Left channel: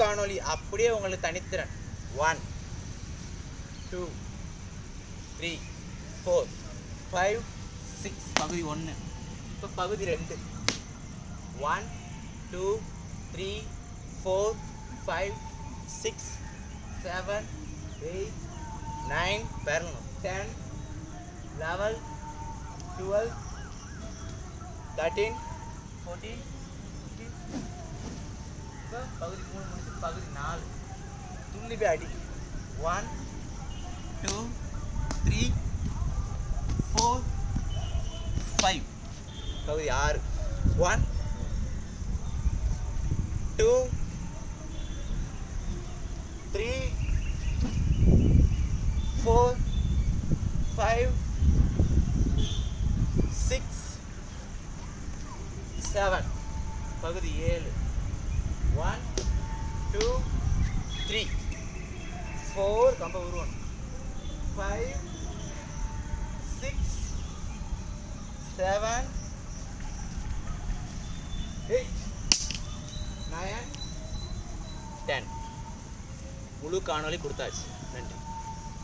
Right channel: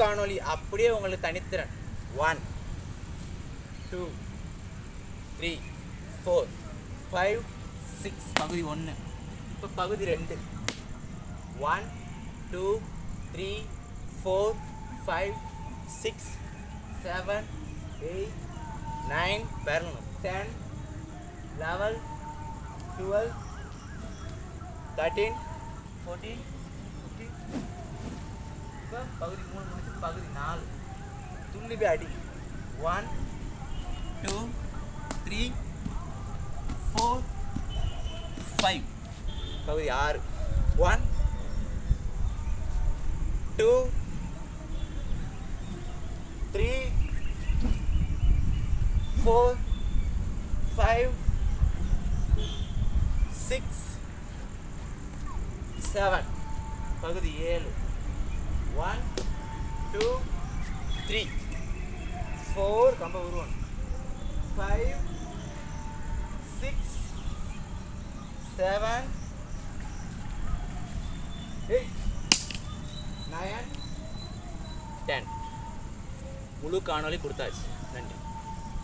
காணொளி அப்படியே உங்களுக்கு தனித்திறன் 1 2 3 4 5 6 பகுதி 1. இப்போ பகுதி 2 1 2 3 4 5 6 7 8 9 பெறணும் 10 11 12 13 14 15. இப்போ பகுதி 3 முடிச்சு பகுதி 4 துள்ளி போய் அடி 1 2 3 4 5 பகுதி 6 1 2 3 4 5 6 7 பகுதி 7 1 2 3 4 கம்ப உருவணும் 5 6 7 8 9 10 முழு காணொளி கொடுத்தாச்சு. நன்றி.